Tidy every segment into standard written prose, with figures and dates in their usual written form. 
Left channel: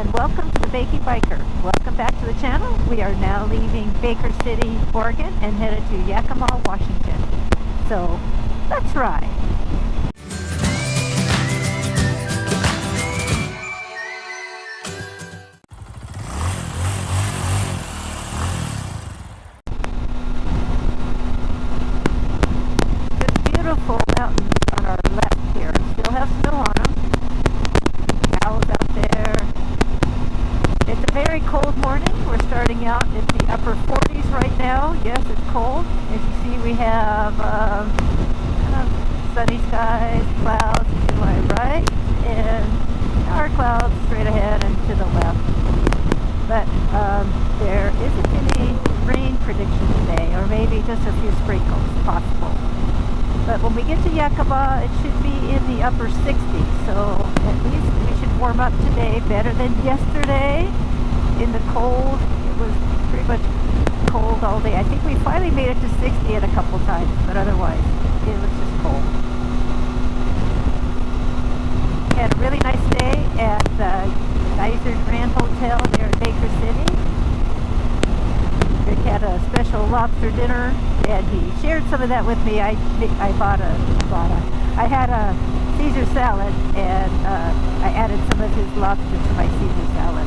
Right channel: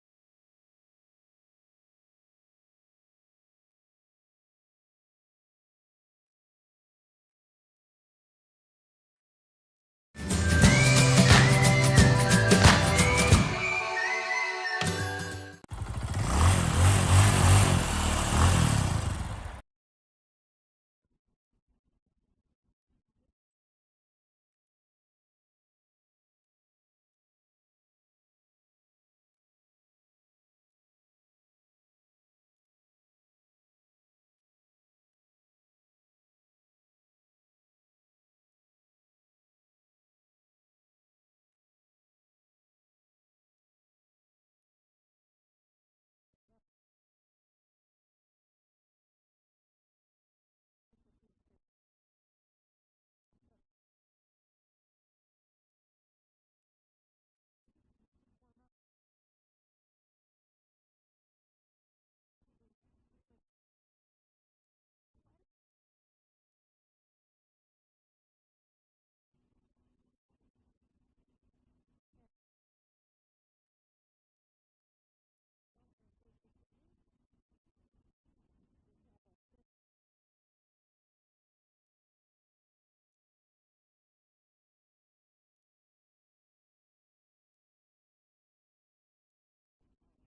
and welcome to the Bakey Biker. Welcome back to the channel. We are now leaving Baker City, Oregon and headed to Yakima, Washington. So, let's ride. The beautiful mountains on our left here still have snow on them. Cows out there. It's a very cold morning. We're starting out in the upper 40s right now. Yes, it's cold. As you see, we have kind of sunny skies, clouds to my right, and our clouds straight ahead and to the left. But there isn't any rain prediction today, or maybe just a few sprinkles possible. But when we get to Yakima, it should be in the upper 60s, so at least we should warm up today better than yesterday in the cold. It was pretty much cold all day. I think we finally made it to 60 at a couple times, but otherwise it was just cold. We had a really nice day at the Geyser Grand Hotel there in Baker City. Rick had a special lobster dinner, and he shared some of that with me. I had a Caesar salad, and I added some of his lobster to my Caesar salad.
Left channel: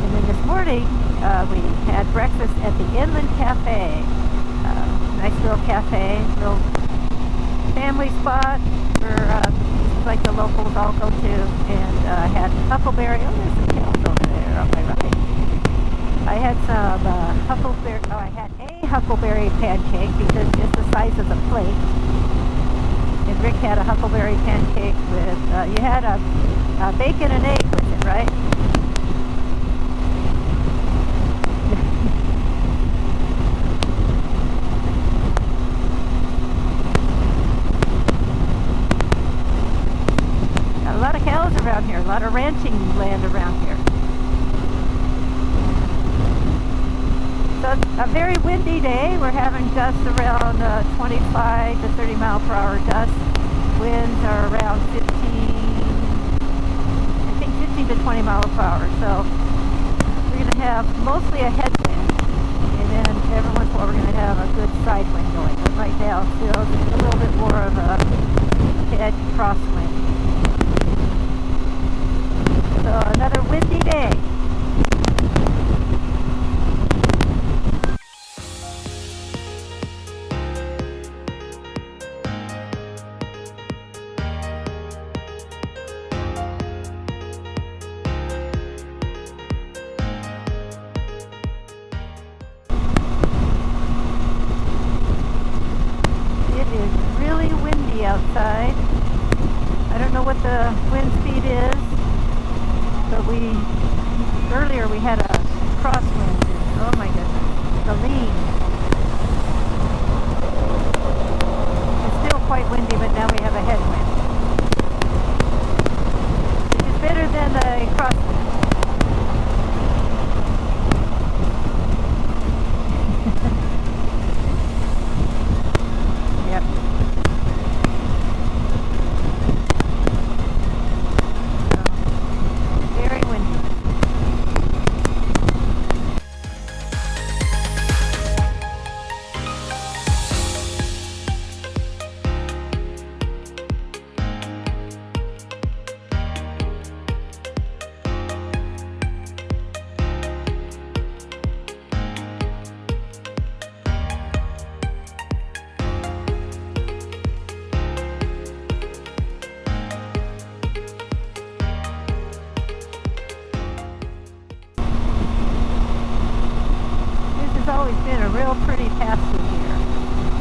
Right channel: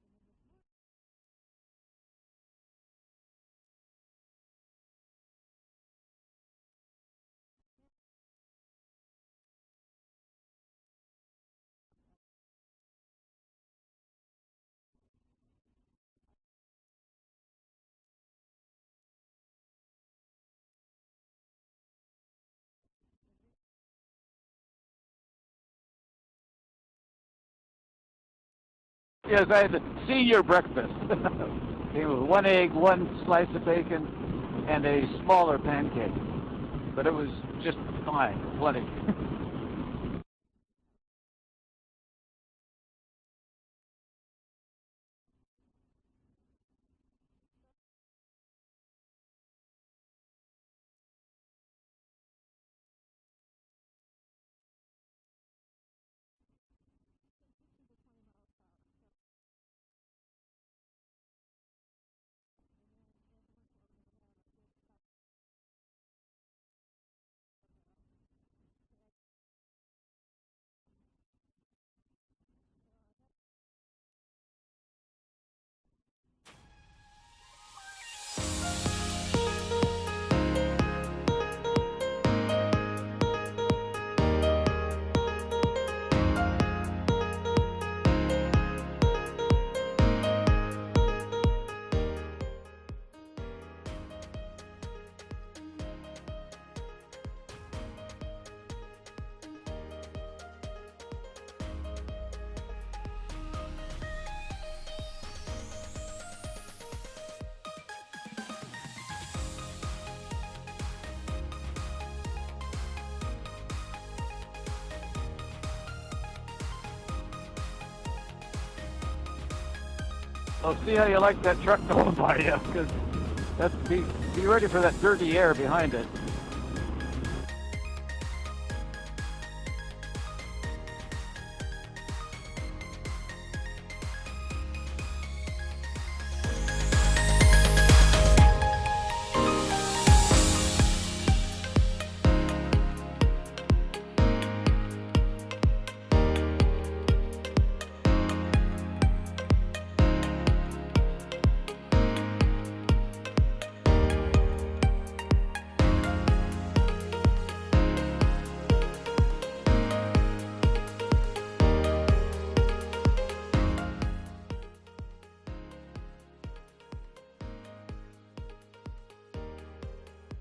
And then this morning, we had breakfast at the Inland Cafe. Nice little cafe, little family spot where like the locals all go to, and had huckleberry. Oh, there's some cows over there on my right. I had some huckleberry. Oh, I had a huckleberry pancake because it's the size of the plate. And Rick had a huckleberry pancake with. You had a bacon and egg with it, right? Yes, I had the senior breakfast. It was one egg, one slice of bacon, and a smaller pancake. But it was just fine, plenty. A lot of cows around here, a lot of ranching land around here. So it's a very windy day. We're having gusts around 25 to 30 mile per hour gusts. Winds are around 15 to 20 miles per hour. So we're going to have mostly a headwind, and then every once in a while we're going to have a good side wind going. But right now it feels a little bit more of a head crosswind. So another windy day. It is really windy outside. I don't know what the wind speed is. But earlier we had a crosswind, oh my goodness, the lean. It's still quite windy, but now we have a headwind. Which is better than the crosswind. Well, see how you like that truck to go by you. Be ready for that dirty air behind it. Yep. Very windy. It's always been a real pretty pass through here,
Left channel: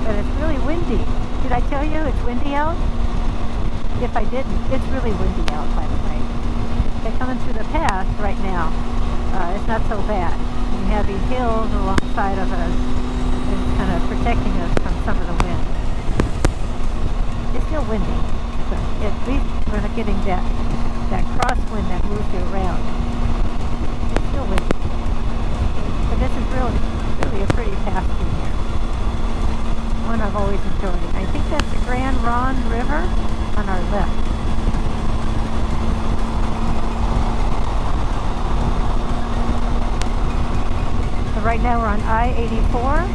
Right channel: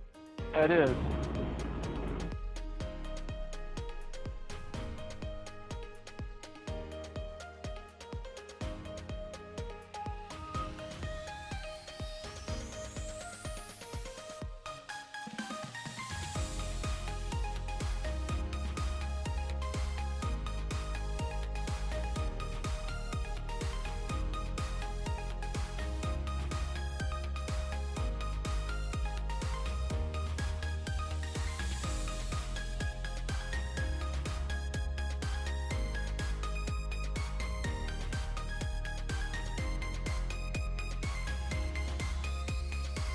but it's really windy. Did I tell you it's windy out? If I didn't, it's really windy out, by the way. They're coming through the pass right now. It's not so bad. We have these hills alongside of us and kind of protecting us from some of the wind. It's still windy, but at least we're not getting that crosswind that moves you around. It's still windy. But this is really a pretty path through here. One I've always enjoyed. I think that's the Grand Ronde River. on our left. So right now we're on I-84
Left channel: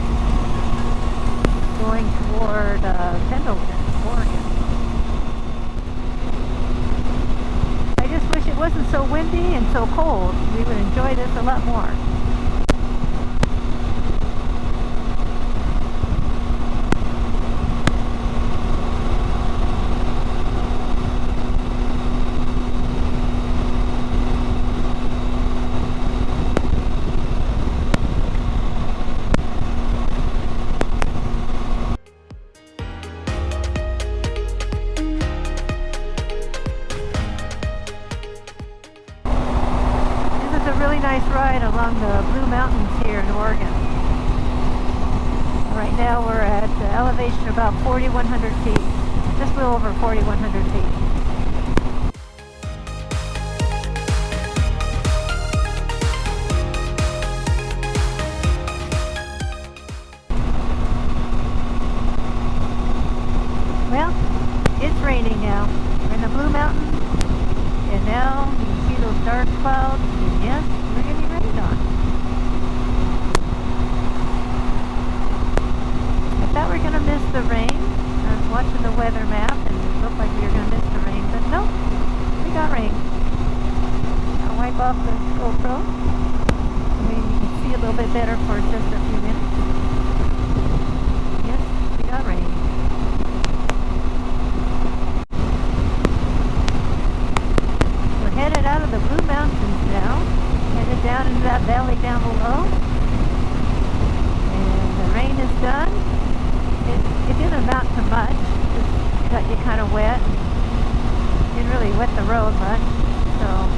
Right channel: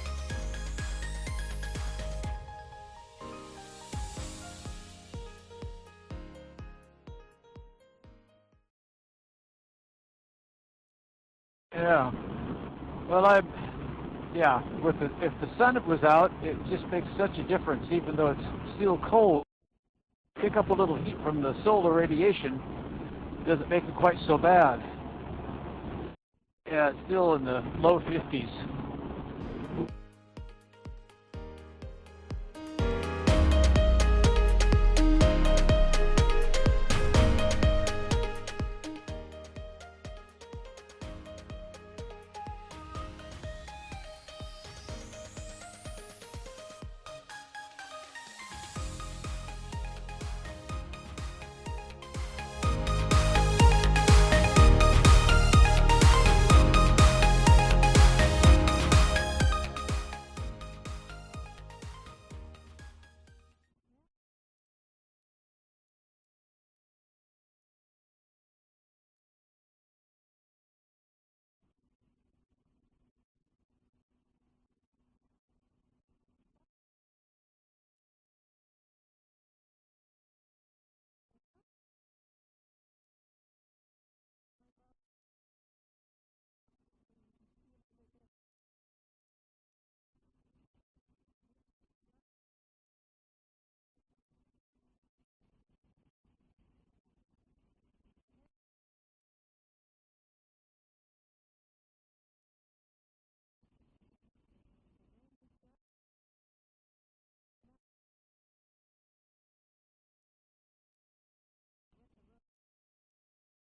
going toward Pendleton, Oregon. I just wish it wasn't so windy and so cold. We would enjoy this a lot more. Yeah. Well, if the sun was out, it makes such a difference, even though it's still cold. Pick up a little from the solar radiation, doesn't make it quite so bad. Yeah, it's still in the low 50s. This is a really nice ride along the Blue Mountains here in Oregon. Right now we're at the elevation about 4,100 feet, just a little over 4,100 feet. Well, it's raining now. We're in the Blue Mountains, and now you can see those dark clouds, and yes, we're getting rained on. I thought we were going to miss the rain. I was watching the weather map and it looked like we were going to miss the rain, but no, we got rain. I'll wipe off the GoPro. Maybe you can see a little bit better for just a few minutes. Yes, we got rain. We're headed out of the Blue Mountains now, headed down into that valley down below. And the rain is done. It didn't amount to much, just got you kind of wet. Didn't really wet the road much, so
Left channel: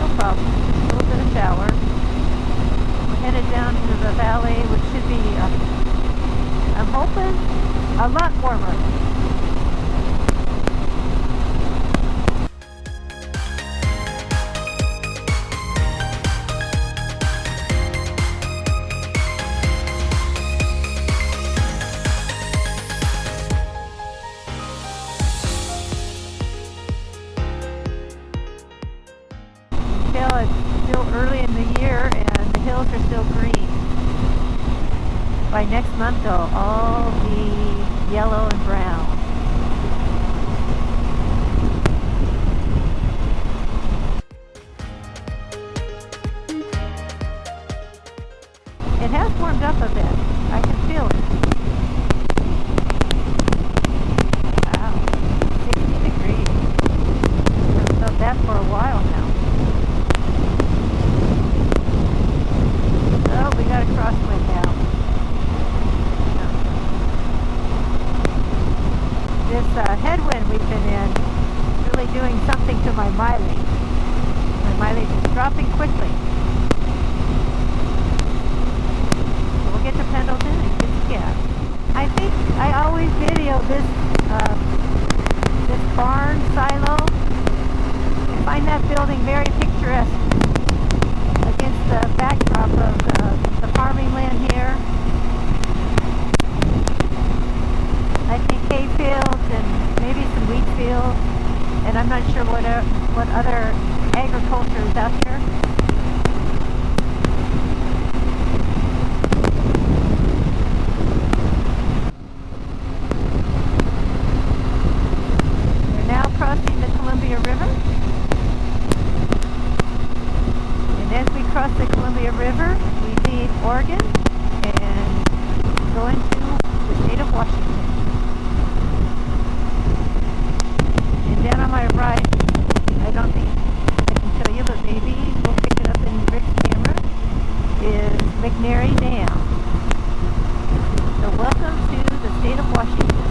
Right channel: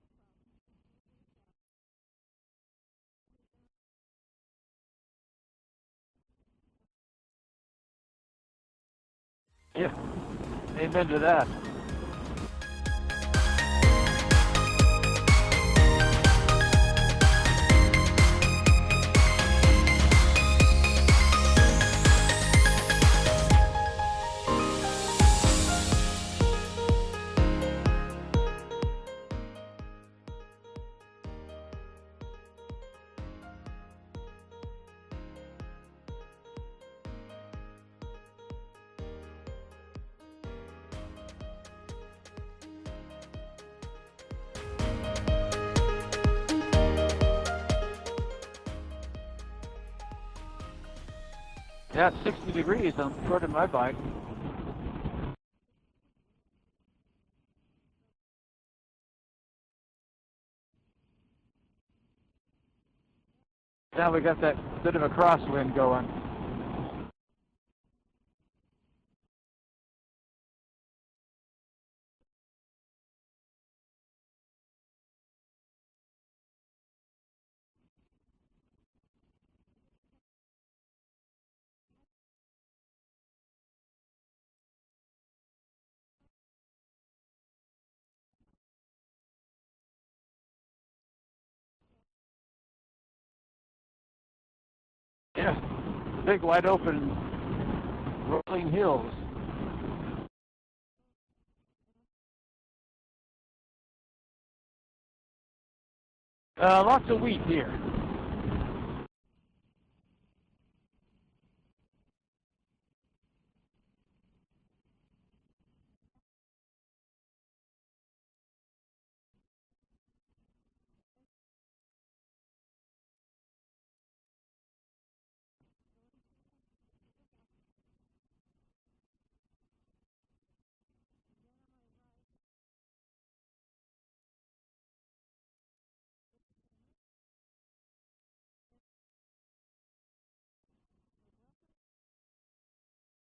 no problem. A little bit of shower. We're headed down into the valley, which should be, I'm hoping, a lot warmer. Yep. Amen to that. It's still early in the year and the hills are still green. By next month they'll all be yellow and brown. It has warmed up a bit. I can feel it. Yeah, 60 degrees on the foot of my bike. Wow, 60 degrees. I've felt that for a while now. Oh, we got a crosswind now. We got that bit of a crosswind going. This headwind we've been in is really doing something to my mileage. My mileage is dropping quickly. So we'll get to Pendleton and get some gas. I think I always video this barn silo. I find that building very picturesque against the backdrop of the farming land here. Yeah, big wide open. I think hay fields and maybe some wheat fields, and I'm not sure what other agriculture is out here. Lots of wheat here. We're now crossing the Columbia River. And as we cross the Columbia River, we leave Oregon and go into the state of Washington. And down on my right, I don't think I can show you, but maybe we'll pick it up in Rick's camera, is McNary Dam. So welcome to the state of Washington.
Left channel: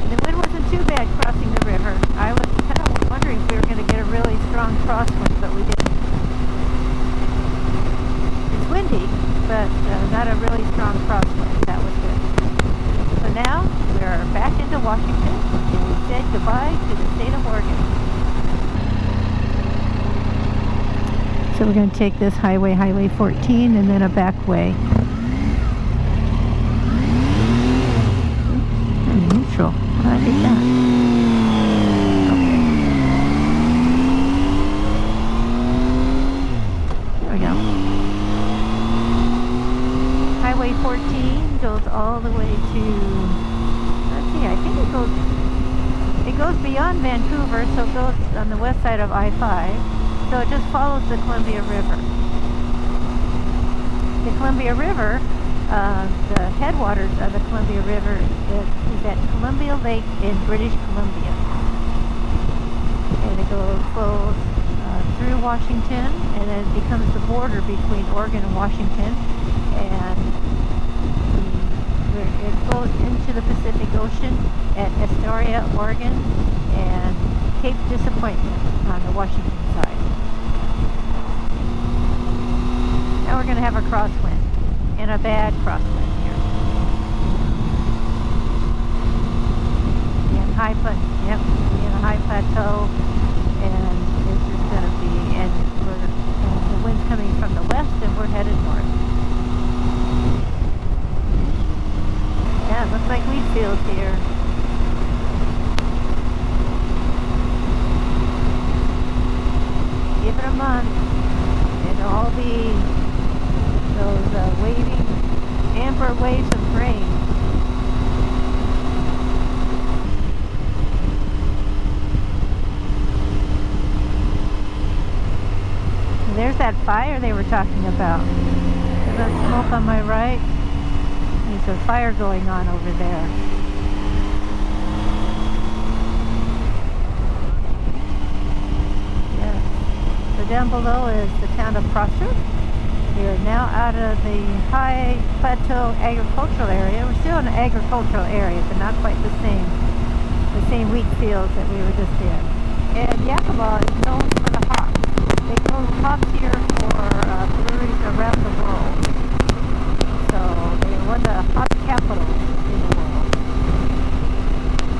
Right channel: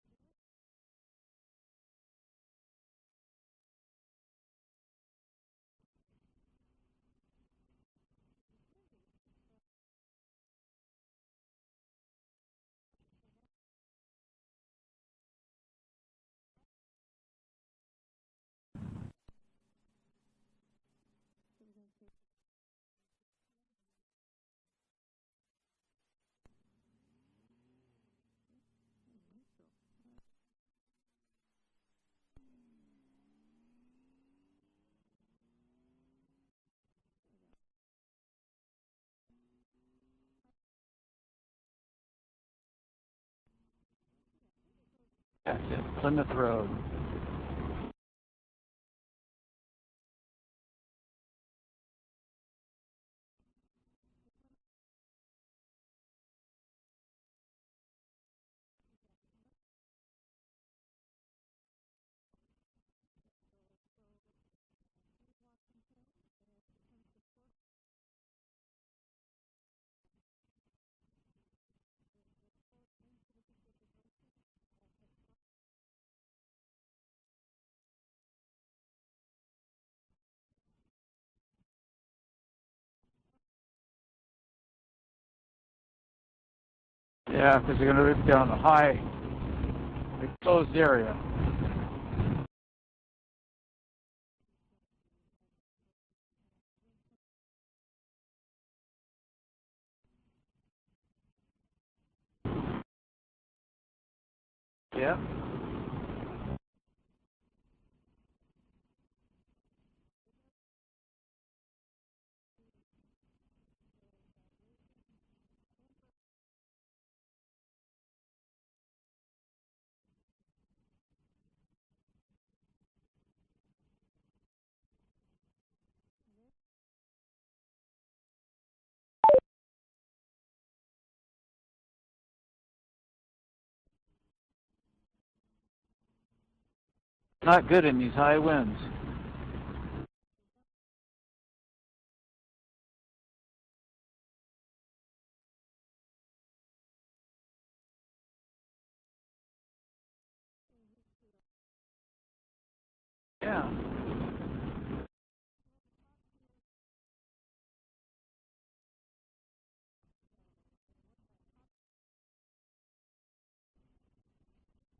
And the wind wasn't too bad crossing the river. I was kind of wondering if we were going to get a really strong crosswind, but we didn't. It's windy, but not a really strong crosswind. That was good. So now we're back into Washington, and we said goodbye to the state of Oregon. So we're going to take this Highway 14, and then a back way. neutral. I did that. Okay. There we go. Highway 14 goes all the way to, let's see, I think it goes beyond Vancouver, so it goes on the west side of I-5. So it just follows the Columbia River. The Columbia River, the headwaters of the Columbia River is at Columbia Lake in British Columbia. And it flows through Washington, and then it becomes the border between Oregon and Washington. And it flows into the Pacific Ocean at Astoria, Oregon, and Cape Disappointment on the Washington side. Now we're going to have a crosswind, and a bad crosswind here. Yeah, because you're going to rip down a high exposed area. Yep, in a high plateau, and it's just going to be, and the wind's coming from the west, and we're headed north. Yeah, it looks like wheat fields here. Yep. Give it a month, and all those waving amber waves of grain. And there's that fire they were talking about. There's that smoke on my right. There's a fire going on over there. Not good in these high winds. Yes. So down below is the town of Prosser. We are now out of the high plateau agricultural area. We're still in the agricultural area, but not quite the same wheat fields that we were just in. And Yakima is known for the hops. They grow hops here for breweries around the world. So they're one of the hop capitals in the world.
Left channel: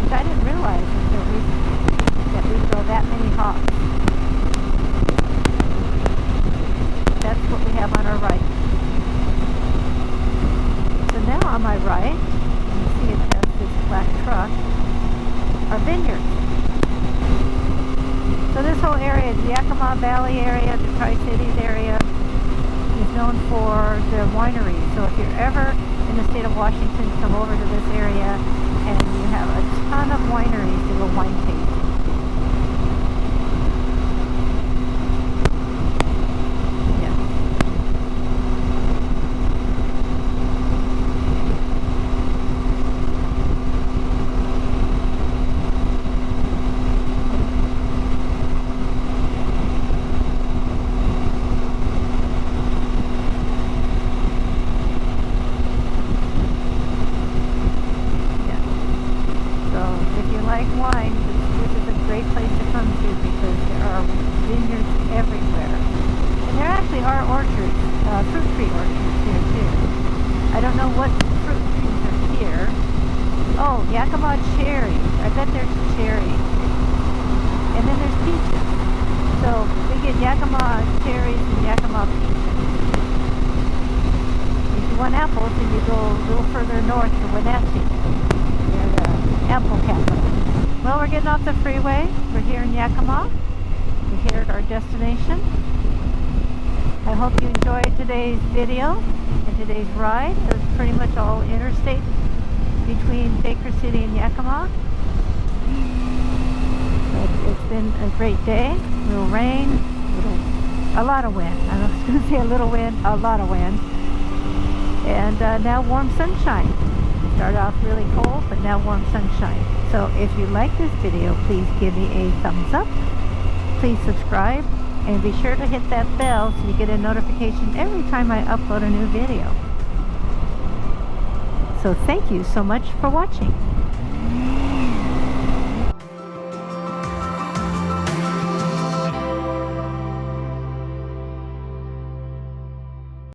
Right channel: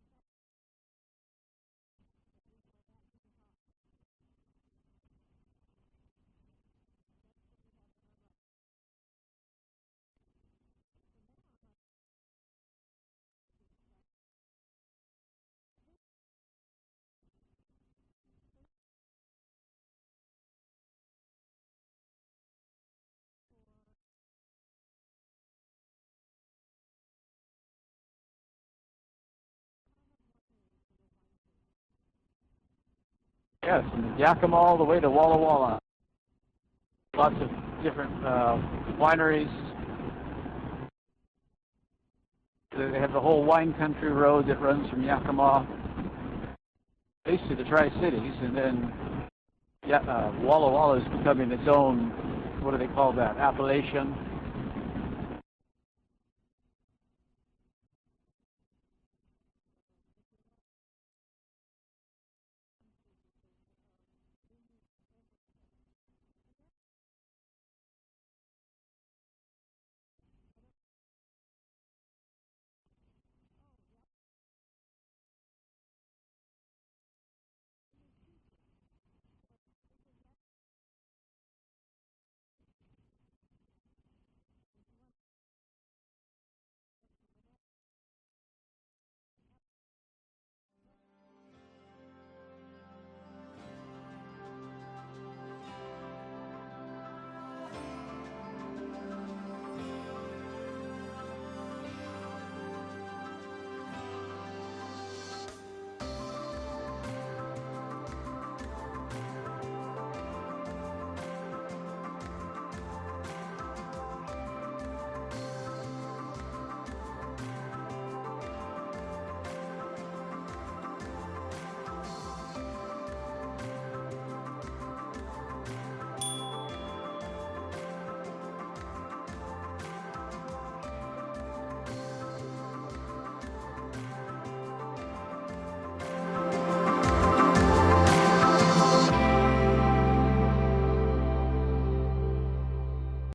Which I didn't realize until recently, that we grow that many hops. That's what we have on our right. So now on my right, you see it has this black truck, are vineyards. So this whole area, the Yakima Valley area, the Tri-Cities area, is known for the wineries. So if you're ever in the state of Washington, come over to this area, and you have a ton of wineries to go wine tasting. Yes, Yakima all the way to Walla Walla. Lots of different wineries. They have the whole wine country road that runs from Yakima east to the Tri-Cities, and then Walla Walla is becoming its own, what do they call that, appellation. Yeah. So if you like wine, this is a great place to come to because there are vineyards everywhere. There actually are orchards, fruit tree orchards here too. I don't know what fruit trees are here. Oh, Yakima cherries. I bet there's cherries. And then there's peaches. So we get Yakima cherries and Yakima peaches. If you want apples, then you go a little further north to Wenatchee. They're the apple capital. Well, we're getting off the freeway. We're here in Yakima. We're here at our destination. I hope you enjoyed today's video and today's ride. It was pretty much all interstate between Baker City and Yakima. It's been a great day. A little rain, a lot of wind. I was going to say a little wind, a lot of wind. And now warm sunshine. Started off really cold, but now warm sunshine. So if you like this video, please give me a thumbs up. Please subscribe. And be sure to hit that bell so you get a notification every time I upload a new video. So thank you so much for watching.